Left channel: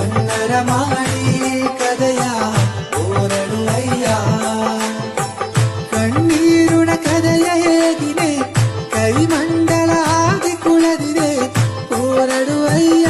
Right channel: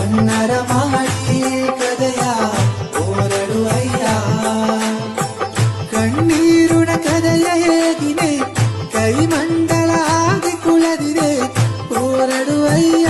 ಹುನ್ನರ ಮಾಡಿ ಕದೆಯ ಹೋರಡು ಅಯ್ಯ ಕಣ್ಣೀರುಣ ಕದೆಯ ಹೇಗಿನೆ ಕೈ ಮಂಡಲ ಆಗಿ ಕುಳದಿದೆ ಹೋರಡು ಅಯ್ಯ